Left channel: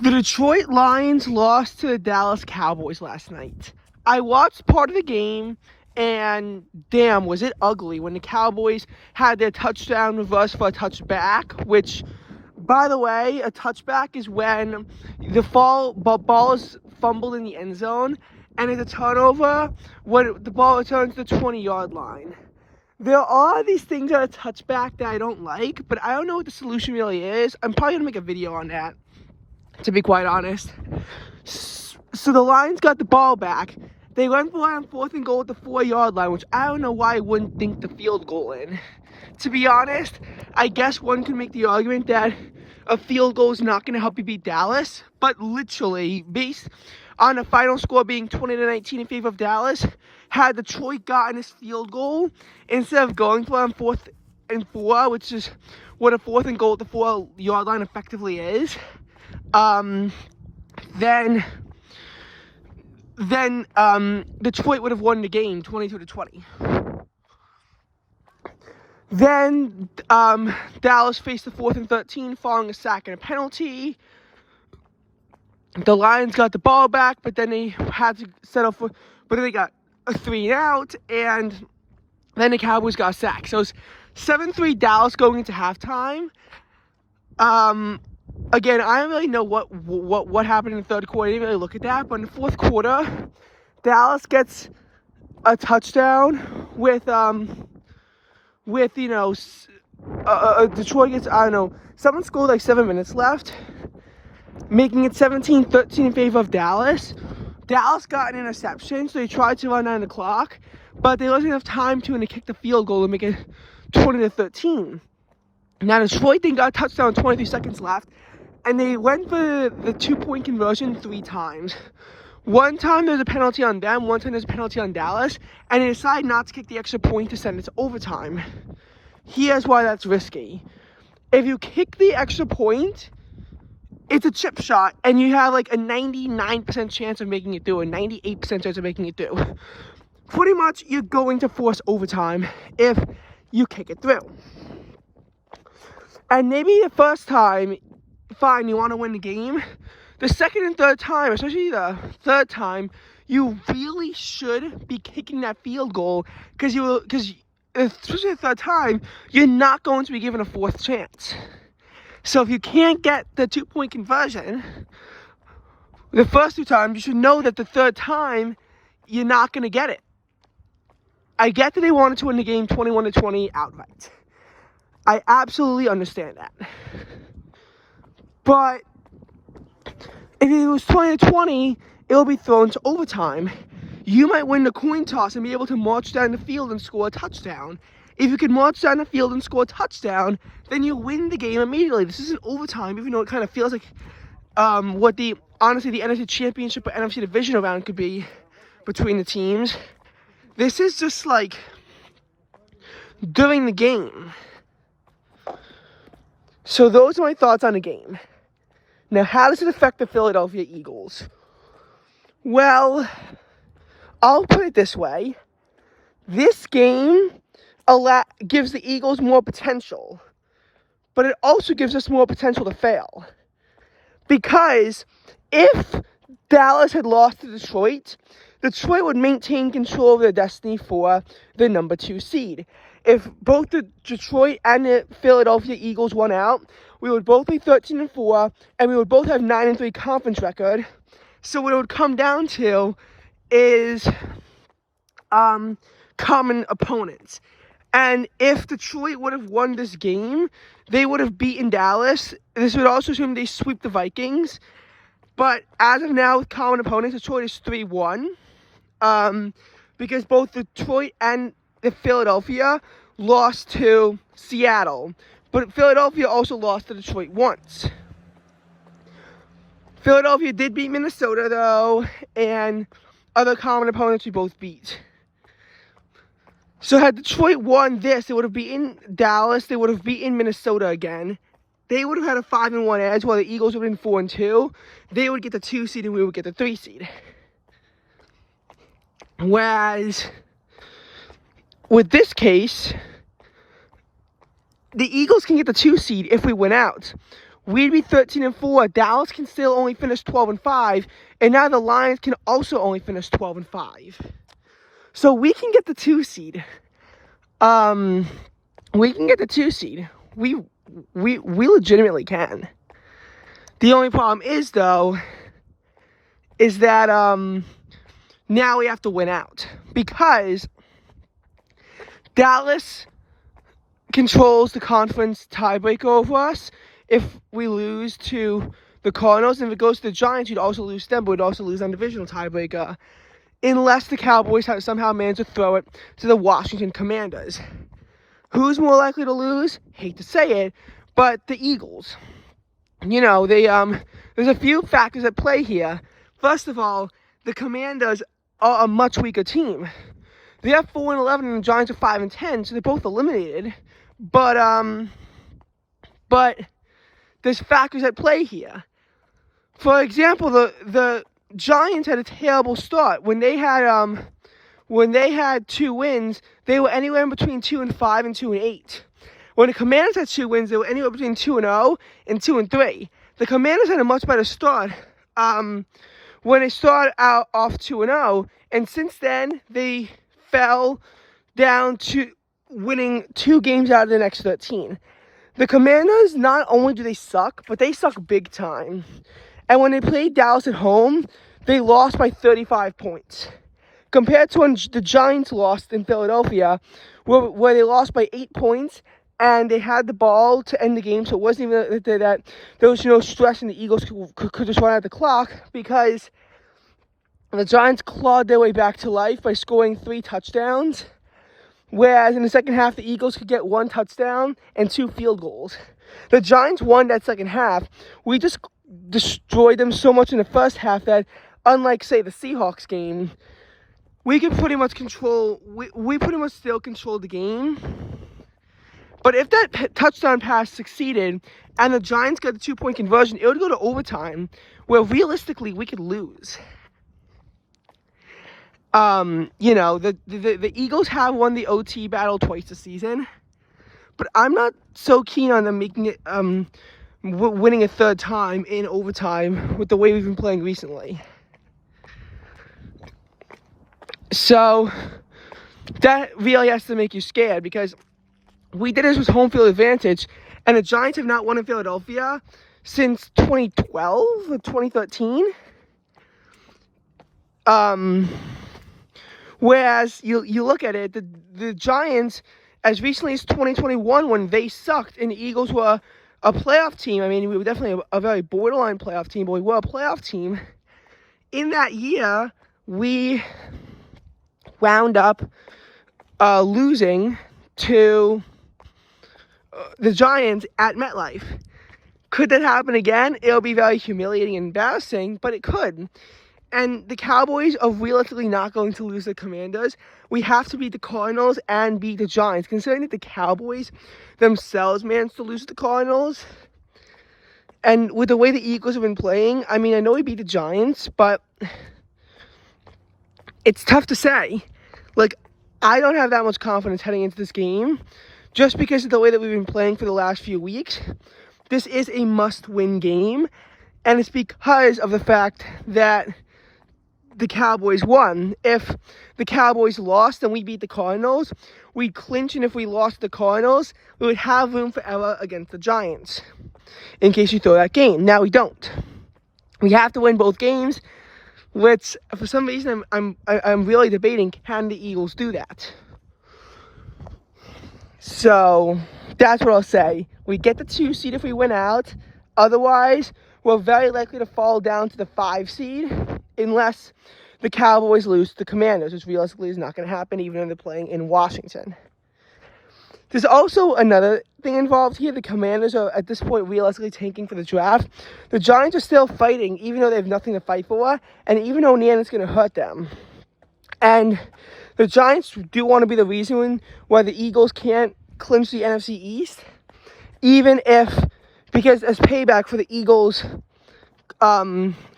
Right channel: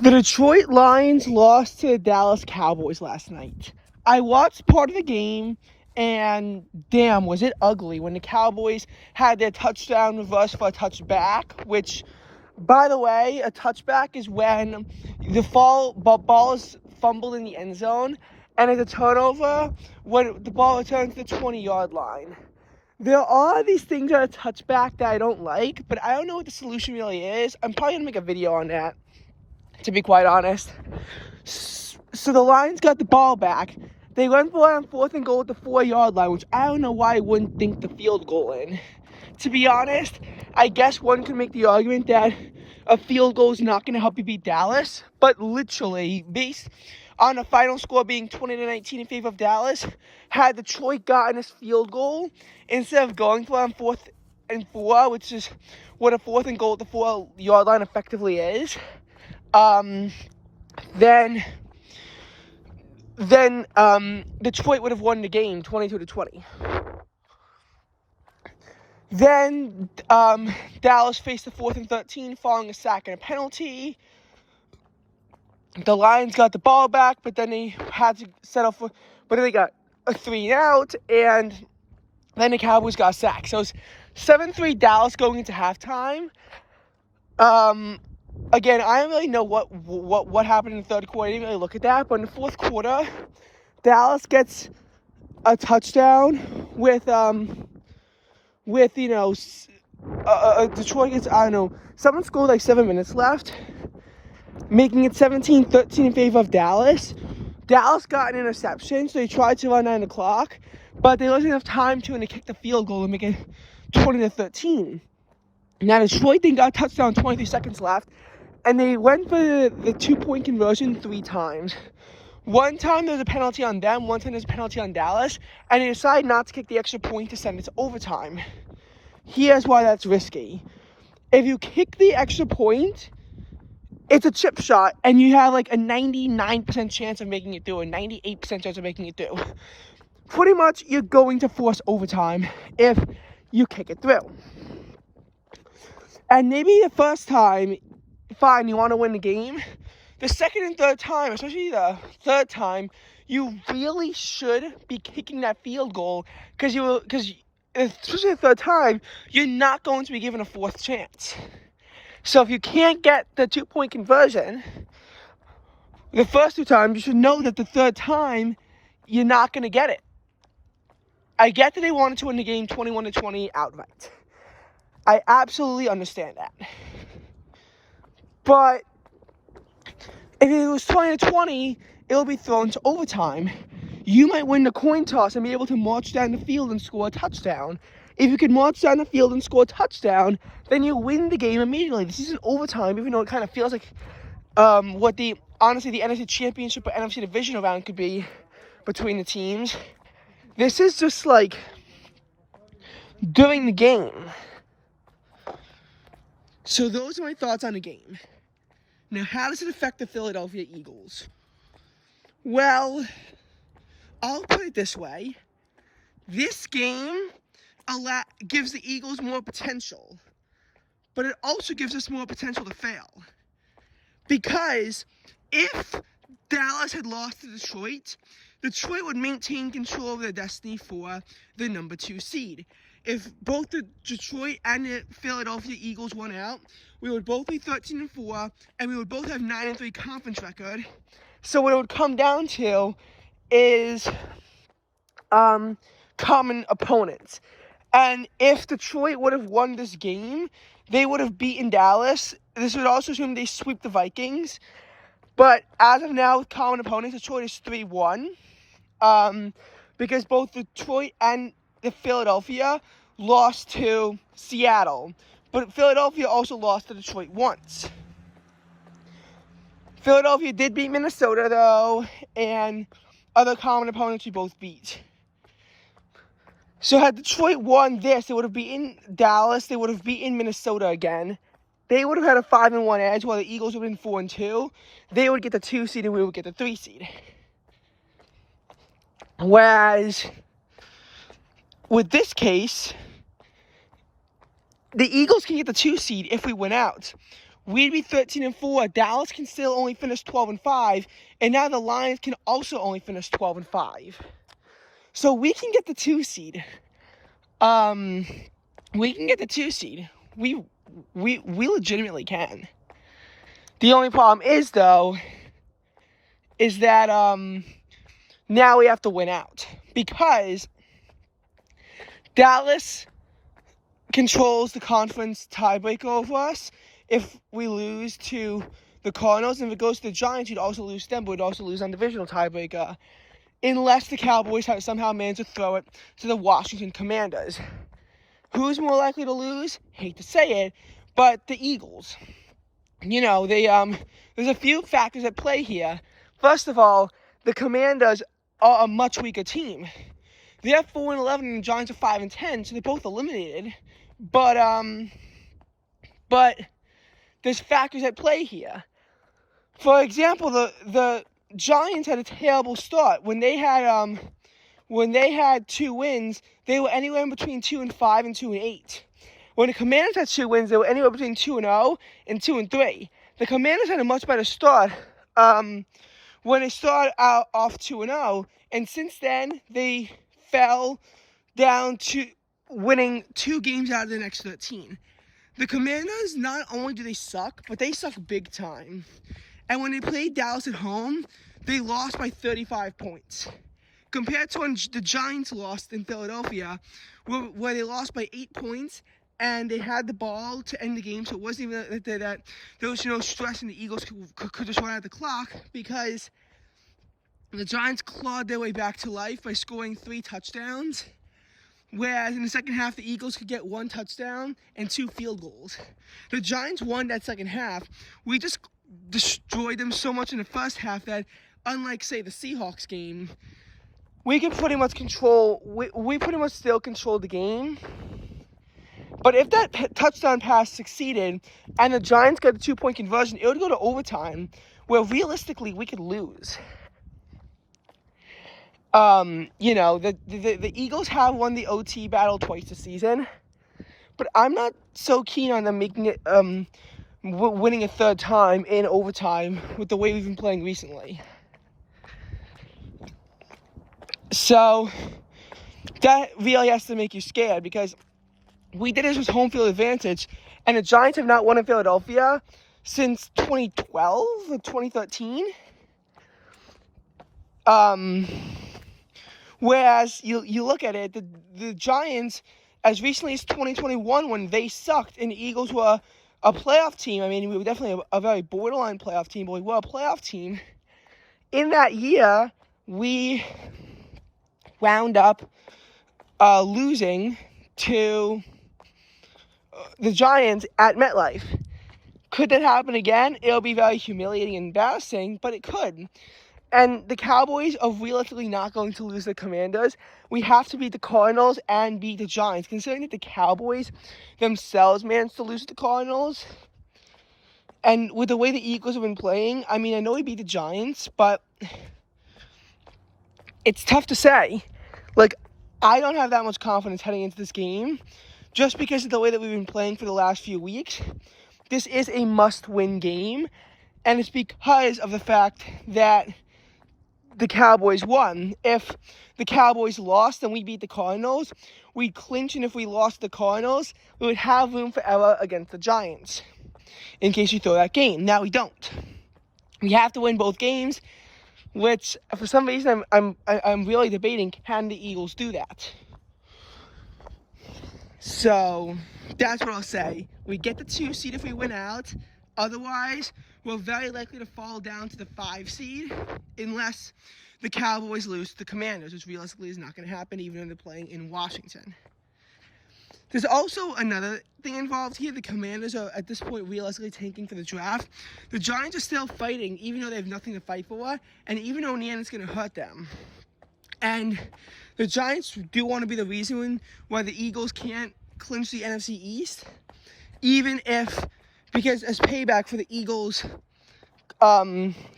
The Detroit Lions lost to the Dallas Cowboys last night. I watched part of the game, and damn, was it ugly when the Cowboys had their touchdown reverse for a touchback, which, by the way, a touchback is when the ball is fumbled in the end zone, and it's a turnover when the ball returns to the 20-yard line. There are these things that are touchback that I don't like, but I don't know what the solution really is. I'm probably going to make a video on that, to be quite honest. So the Lions got the ball back. They went for it on 4th and goal at the 4-yard line, which I don't know why I wouldn't think the field goal in. To be honest, I guess one could make the argument that a field goal is not going to help you beat Dallas, but literally, based on the final score being 20-19 in favor of Dallas, had Detroit gotten this field goal instead of going for it on 4th and 4, which is what a 4th and goal at the 4-yard line effectively is, then Detroit would have won the game 22-20. Then Dallas faced the 4th and 13 following a sack and a penalty. The Lions got the ball back, but then they had to settle for, but then they got a 3-and-out, and then the Cowboys got a sack. So it's 7-3 Dallas going into halftime. Again, I don't really know what happened in the third quarter. I didn't really look at that. But in the fourth quarter, Dallas gets a touchdown with Detroit gets, I don't know, someone scored like 7 minutes left, making it 17-13 in favor of Dallas. Dallas got an interception, so they tried to run down the clock, but there wasn't enough time to kick the field goal and make it 20-13. Now Detroit then got a touchdown 23 seconds left, and they went for the 2-point conversion 3 times. One time there's a penalty on them, one time there's a penalty on Dallas, and they decided not to kick the extra point to send it to overtime. Here's why that's risky. If you kick the extra point, it's a chip shot, and you have like a 99% chance of making it through, a 98% chance of making it through. Pretty much, you're going to force overtime if you kick it through. And maybe the first time, fine, you want to win the game. The second and third time, especially the third time, you really should be kicking that field goal because especially the third time, you're not going to be given a 4th chance. So if you can't get the 2-point conversion the first 2 times, you should know that the third time, you're not going to get it. I get that they wanted to win the game 21-20 outright. I absolutely understand that. But if it was 20-20, it'll be thrown to overtime. You might win the coin toss and be able to march down the field and score a touchdown. If you can march down the field and score a touchdown, then you win the game immediately. This isn't overtime, even though it kind of feels like what the NFC Championship or NFC Division round could be between the teams. This is just like during the game. So those are my thoughts on the game. Now, how does it affect the Philadelphia Eagles? Well, I'll put it this way. This game gives the Eagles more potential, but it also gives us more potential to fail. Because if Dallas had lost to Detroit, Detroit would maintain control of their destiny for the number 2 seed. If both the Detroit and the Philadelphia Eagles won out, we would both be 13-4, and we would both have 9-3 conference record. So what it would come down to is common opponents. And if Detroit would have won this game, they would have beaten Dallas. This would also assume they sweep the Vikings. But as of now, with common opponents, Detroit is 3-1. Because both Detroit and the Philadelphia lost to Seattle. But Philadelphia also lost to Detroit once. Philadelphia did beat Minnesota, though, and other common opponents we both beat. So had Detroit won this, they would have beaten Dallas, they would have beaten Minnesota again. They would have had a 5-1 edge, while the Eagles would have been 4-2. They would get the 2 seed, and we would get the 3 seed. Whereas, with this case, the Eagles can get the 2 seed if we win out. we'd be 13-4. Dallas can still only finish 12-5, and now the Lions can also only finish 12-5. So we can get the 2 seed. We can get the 2 seed. We legitimately can. The only problem is, though, is that now we have to win out, because Dallas controls the conference tiebreaker over us. If we lose to the Cardinals, and if it goes to the Giants, you'd also lose them, but we'd also lose on divisional tiebreaker, unless the Cowboys somehow manage to throw it to the Washington Commanders. Who's more likely to lose? Hate to say it, but the Eagles. You know, there's a few factors at play here. First of all, the Commanders are a much weaker team. They have 4-11 and the Giants are 5-10, so they're both eliminated. But there's factors at play here. For example, the Giants had a terrible start. When they had 2 wins, they were anywhere in between 2-5 and 2-8. When the Commanders had 2 wins, they were anywhere between 2-0 and 2-3. The Commanders had a much better start when they started out off 2-0, and since then they fell down to winning 2 games out of the next 13. The Commanders, not only do they suck, but they suck big time. And when they played Dallas at home, they lost by 35 points. Compared to when the Giants lost in Philadelphia, where they lost by 8 points, and they had the ball to end the game, so it wasn't even that there was no stress and the Eagles could just run out the clock, because the Giants clawed their way back to life by scoring 3 touchdowns, whereas in the second half, the Eagles could get 1 touchdown and 2 field goals. The Giants won that second half. We just destroyed them so much in the first half that, unlike, say, the Seahawks game, we can pretty much control, we pretty much still control the game. But if that touchdown pass succeeded and the Giants got the 2-point conversion, it would go to overtime, where realistically we could lose. You know, the Eagles have won the OT battle twice this season, but I'm not so keen on them making it, winning a 3rd time in overtime with the way we've been playing recently. So that really has to make you scared, because we did this with home field advantage, and the Giants have not won in Philadelphia since 2012 or 2013. Whereas you look at it, the Giants, as recently as 2021, when they sucked and the Eagles were a playoff team, I mean, we were definitely a very borderline playoff team, but we were a playoff team. In that year, we wound up losing to the Giants at MetLife. Could that happen again? It'll be very humiliating and embarrassing, but it could. And the Cowboys are realistically not going to lose the Commanders. We have to beat the Cardinals and beat the Giants. Considering that the Cowboys themselves managed to lose the Cardinals, and with the way the Eagles have been playing, I mean, I know we beat the Giants, but it's tough to say. Like, I don't have that much confidence heading into this game, just because of the way that we've been playing for the last few weeks. This is a must-win game, and it's because of the fact that the Cowboys won. If the Cowboys lost and we beat the Cardinals, we'd clinch, and if we lost the Cardinals, we would have room for error against the Giants, in case you throw that game. Now we don't. We have to win both games, which for some reason I'm really debating, can the Eagles do that? So that's what I'll say. We get the 2 seed if we win out. Otherwise, we're very likely to fall down to the 5 seed unless the Cowboys lose to the Commanders, which realistically is not going to happen even though they're playing in Washington. There's also another thing involved here. The Commanders are, at this point, realistically tanking for the draft. The Giants are still fighting, even though they have nothing to fight for, and even though Nian's going to hurt them. And the Giants do want to be the reason why the Eagles can't clinch the NFC East, even if, because as payback for the Eagles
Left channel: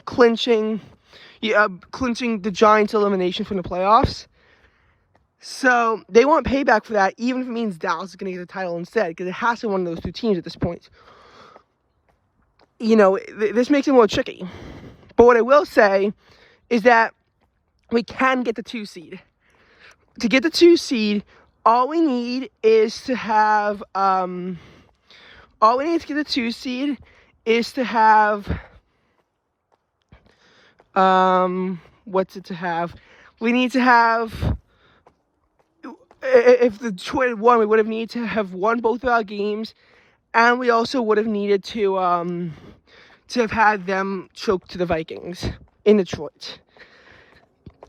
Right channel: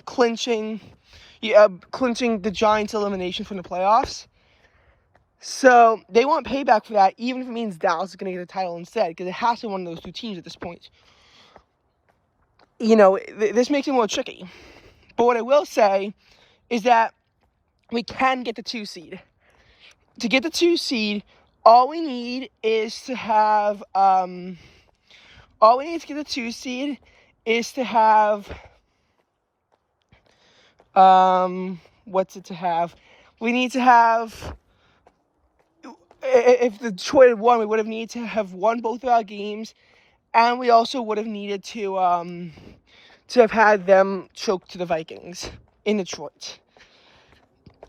clinching the Giants' elimination from the playoffs. So they want payback for that, even if it means Dallas is going to get the title instead, because it has to be one of those 2 teams at this point. this makes it more tricky. But what I will say is that we can get the 2 seed. To get the 2 seed, all we need is to have, all we need to get the 2 seed is to have, what's it to have? We need to have, if the Detroit had won, we would have needed to have won both of our games, and we also would have needed to have had them choke to the Vikings in Detroit.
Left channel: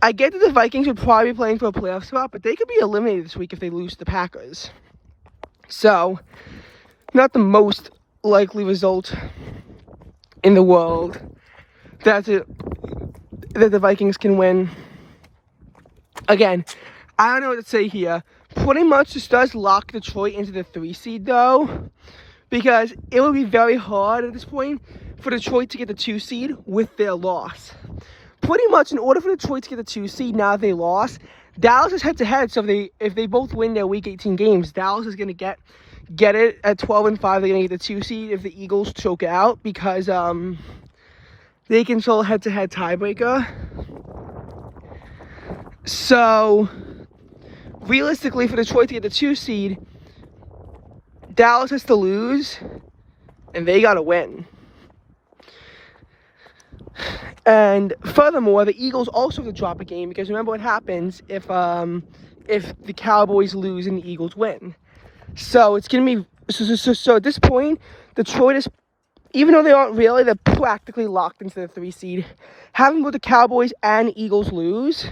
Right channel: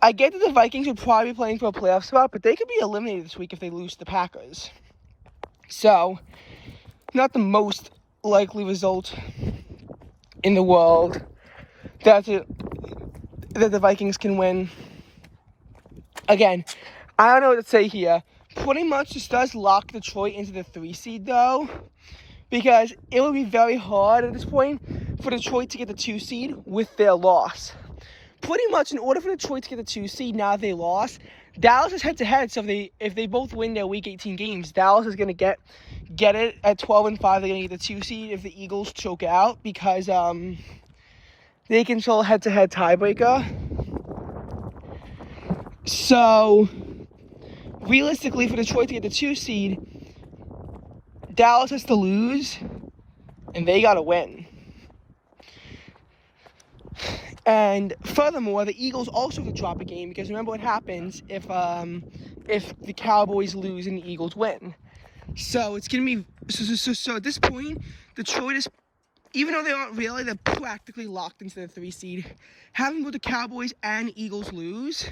I get that the Vikings would probably be playing for a playoff spot, but they could be eliminated this week if they lose to the Packers. So, not the most likely result in the world that the Vikings can win. Again, I don't know what to say here. Pretty much this does lock Detroit into the 3 seed, though, because it would be very hard at this point for Detroit to get the 2 seed with their loss. Pretty much, in order for Detroit to get the 2 seed, now they lost, Dallas is head-to-head, so if they both win their Week 18 games, Dallas is going to get it at 12-5. They're going to get the 2 seed if the Eagles choke out, because they control head-to-head tiebreaker. So, realistically, for Detroit to get the 2 seed, Dallas has to lose, and they got to win. And furthermore, the Eagles also have to drop a game, because remember what happens if the Cowboys lose and the Eagles win. So it's going to be so at this point, Detroit is, even though they aren't really, they're practically locked into the 3 seed. Having both the Cowboys and Eagles lose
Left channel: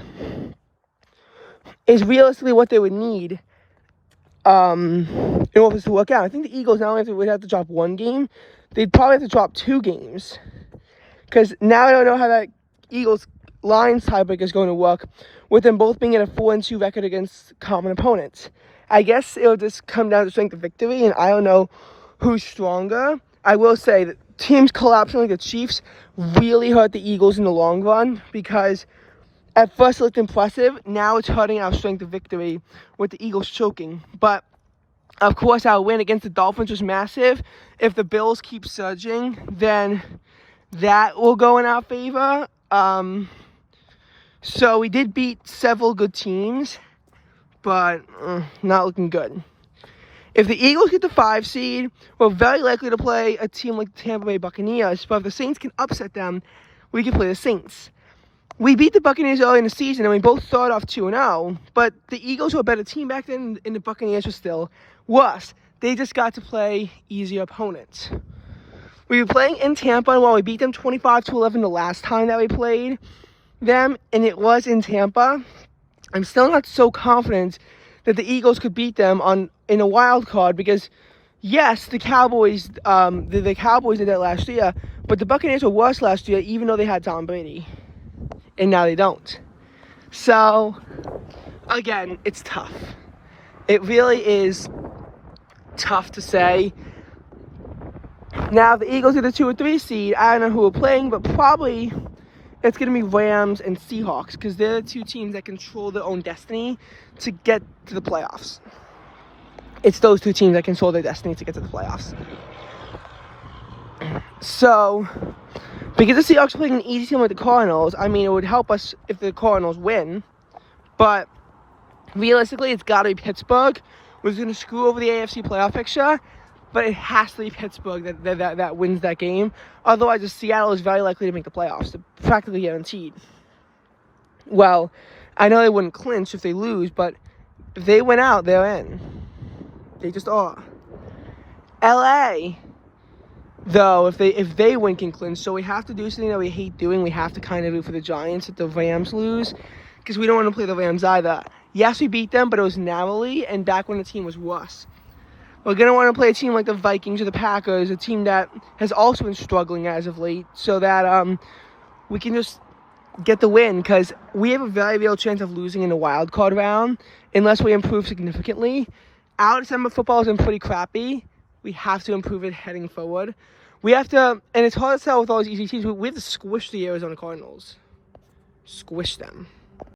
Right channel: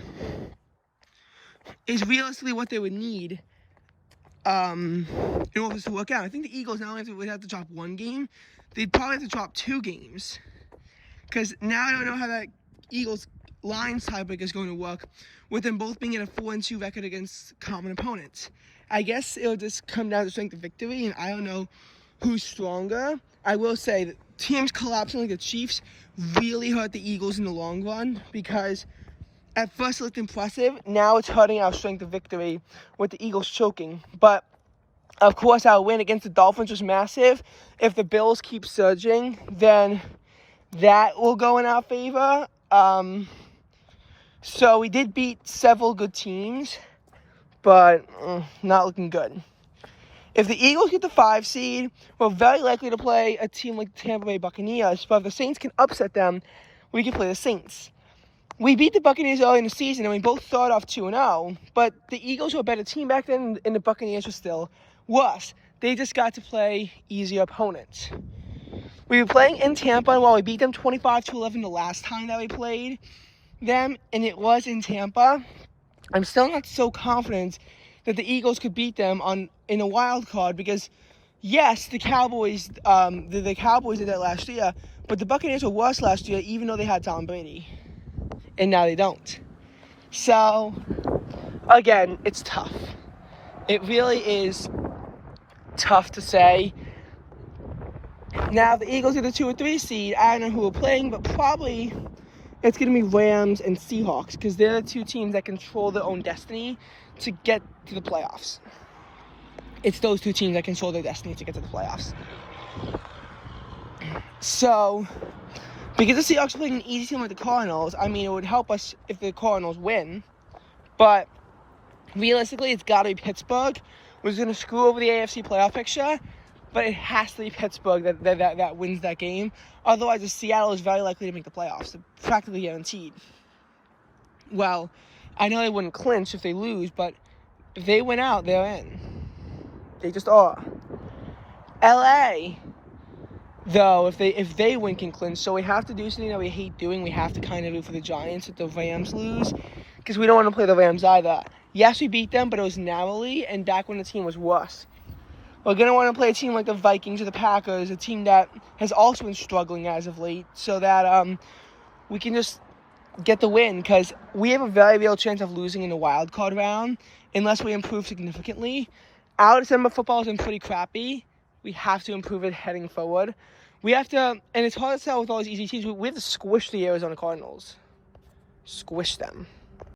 is realistically what they would need in order to work out. I think the Eagles not only would have to drop 1 game, they'd probably have to drop 2 games. Because now I don't know how that Eagles-Lions tiebreaker is going to work with them both being at a 4-2 record against common opponents. I guess it'll just come down to strength of victory, and I don't know who's stronger. I will say that teams collapsing like the Chiefs really hurt the Eagles in the long run, because at first it looked impressive. Now it's hurting our strength of victory with the Eagles choking. But, of course, our win against the Dolphins was massive. If the Bills keep surging, then that will go in our favor. So we did beat several good teams, but not looking good. If the Eagles get the 5 seed, we're very likely to play a team like the Tampa Bay Buccaneers. But if the Saints can upset them, we can play the Saints. We beat the Buccaneers early in the season, and we both started off 2-0. But the Eagles were a better team back then, and the Buccaneers were still worse. They just got to play easier opponents. We were playing in Tampa, and while we beat them 25-11 the last time that we played them, and it was in Tampa, I'm still not so confident that the Eagles could beat them in a wild card, because yes, the Cowboys the Cowboys did that last year, but the Buccaneers were worse last year, even though they had Tom Brady, and now they don't. So again, it's tough. It really is tough to say. Now, if the Eagles are the 2 or 3 seed, I don't know who we're playing, but probably it's going to be Rams and Seahawks, because they're the 2 teams that control their own destiny to get to the playoffs. It's those 2 teams that control their destiny to get to the playoffs. So, because the Seahawks are playing an easy team with the Cardinals, I mean, it would help us if the Cardinals win, but realistically, it's got to be Pittsburgh, which is going to screw over the AFC playoff picture. But it has to be Pittsburgh that wins that game. Otherwise, Seattle is very likely to make the playoffs. They're practically guaranteed. Well, I know they wouldn't clinch if they lose, but if they win out, they're in. They just are. LA, though, if they win, can clinch. So we have to do something that we hate doing. We have to kind of root for the Giants if the Rams lose, because we don't want to play the Rams either. Yes, we beat them, but it was narrowly, and back when the team was worse. We're going to want to play a team like the Vikings or the Packers, a team that has also been struggling as of late, so that we can just get the win, because we have a very real chance of losing in the wild card round unless we improve significantly. Our December football has been pretty crappy. We have to improve it heading forward. We have to, and it's hard to tell with all these easy teams, we have to squish the Arizona Cardinals. Squish them.